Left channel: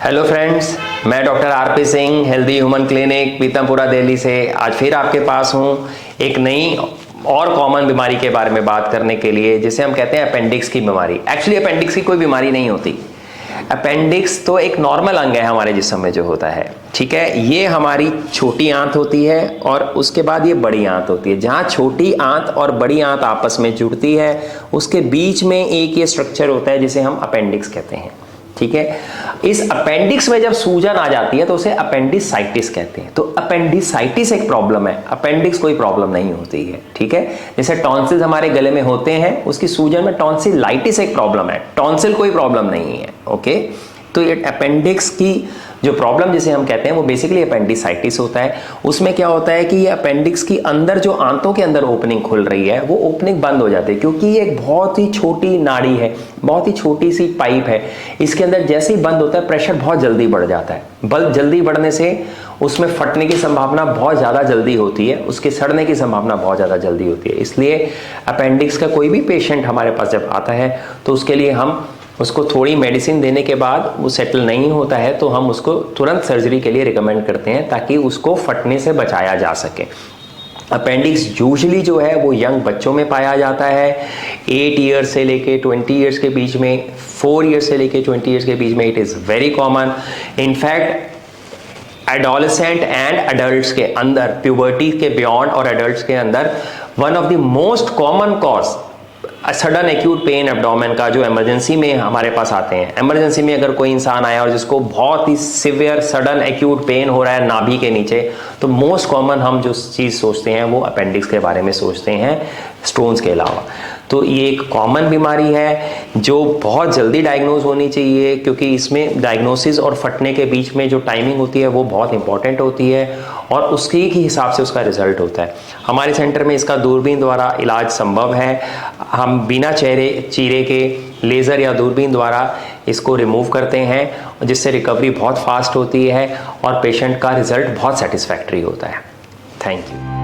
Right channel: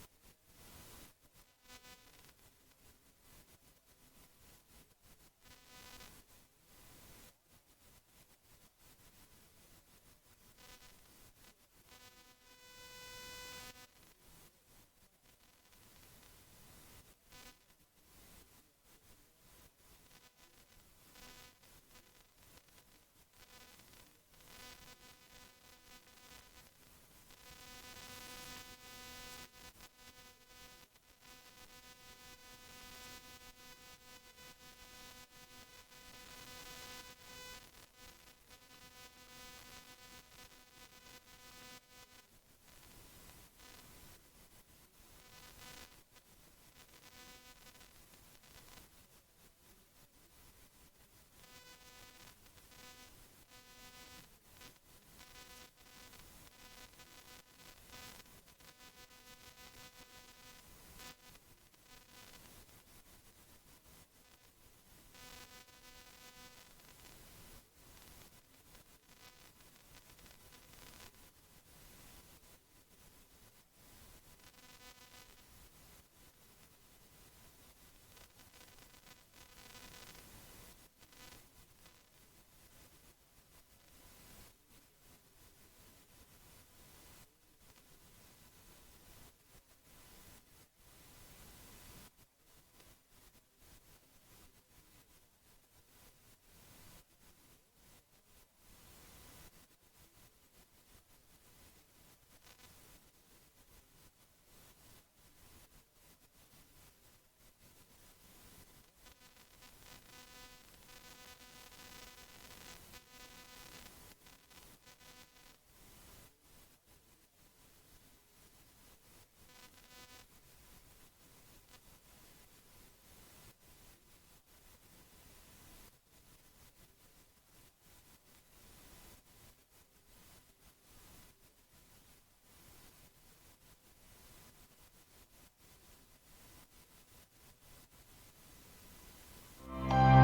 Hello friends, मैं doctor RP Singh, healthy human clinic, Pitampura, Delhi से आज फिर आपके पास हूँ एक नई और कॉमन बीमारी के बारे में बात करने के लिए, जिसे हम कहते हैं अपेंडिक्स की बीमारी। एक्चुअली अपेंडिक्स की कोई बीमारी नहीं होती। अपेंडिक्स तो एक नॉर्मल अंग है हमारे जिस्म में जो होता है, ठीक है। ये हमारी छोटी आंत होती है और उसके बाद ये बड़ी आंत होती है। जहाँ छोटी आंत और बड़ी आंत आपस में जुड़ती है, उसके बीच में एक ये स्ट्रक्चर होता है जिसे हम अपेंडिक्स कहते हैं, ठीक है। इस अपेंडिक्स में जब सूजन आ जाती है तो उसे अपेंडिसाइटिस कहते हैं। तो अपेंडिसाइटिस एक प्रॉब्लम है, अपेंडिक्स कोई प्रॉब्लम नहीं होती है, ठीक है। जैसे टॉन्सिल्स हमारे गले में होते हैं, उसकी सूजन में टॉन्सिलाइटिस एक प्रॉब्लम है, टॉन्सिल कोई प्रॉब्लम नहीं है, ओके। तो ये अपेंडिक्स की जो प्रॉब्लम जिसे हम कहते हैं वो बेसिकली अपेंडिसाइटिस होता है। उसमें क्या होता है कि ये अपेंडिक्स की अंदर जो आंतों के अंदर ओपनिंग खुल रही है वो ओपनिंग बंद हो जाती है, क्योंकि ये एक बहुत ही छोटी नाड़ी है, बहुत ही छोटी सी पाइप है। इसके अंदर जैसे ही बंद होता है प्रेशर बहुत जल्दी बढ़ जाता है। बल्ब जल्दी बढ़ने से उसमें फटने की संभावना बहुत ज़्यादा जल्दी होती है, उसके सड़ने की संभावना बहुत ज़्यादा जल्दी होती है। इसलिए अपेंडिक्स का कोई भी पेशेंट हमारे पास जब आता है तो उसके लिए हम उसको थोड़ी मेडिसिन देने के बाद वो सेटल नहीं होता है तो हम उसको तुरंत सर्जरी के लिए रिकमेंड करते हैं, ताकि उसको फटने से बचाया जा सके। अपेंडिक्स यूजुअली जो है वो यंग बच्चों में पाया जाता है, 8 ईयर्स से लेके 20 ईयर्स के बीच में, 4 ईयर्स से लेके 20 ईयर्स के बीच में it is very common. In fact adolescent and adults के अंदर, प्यूबर्टी के बियॉन्ड और एडल्ट्स के अंदर one of the most common cause sudden acute pain abdomen का, जो इमरजेंसी में हमारे पास आते हैं। इमरजेंसी में अगर कोई इंसान आया और जिसको बहुत ही सिवियर सडन एक्यूट पेन हो रहा है नाभि के नीचे, तो मोस्ट कॉमन हम जो चीज़ सोचते हैं वो अपेंडिक्स के बारे में सोचते हैं, स्टोन्स के अलावा। तो ये एक कॉमन बीमारी है जो बहुत जल्दी डायग्नोज होनी चाहिए, क्योंकि इसमें डायग्नोसिस और फटने के बीच में जो टाइमिंग होती है वो बहुत इंपॉर्टेंट होती है और उसके ही हिसाब से उसका रिजल्ट होता है। हमारे सेंटर में इसका दूरबीन द्वारा इलाज संभव है। हम बिना चीरे के लेज़र या दूरबीन द्वारा इसको रिमूव करते हैं, जिससे रिकवरी बहुत फास्ट होती है और पेशेंट का रिजल्ट बहुत सेटिस्फैक्ट्री होता है। Thank you.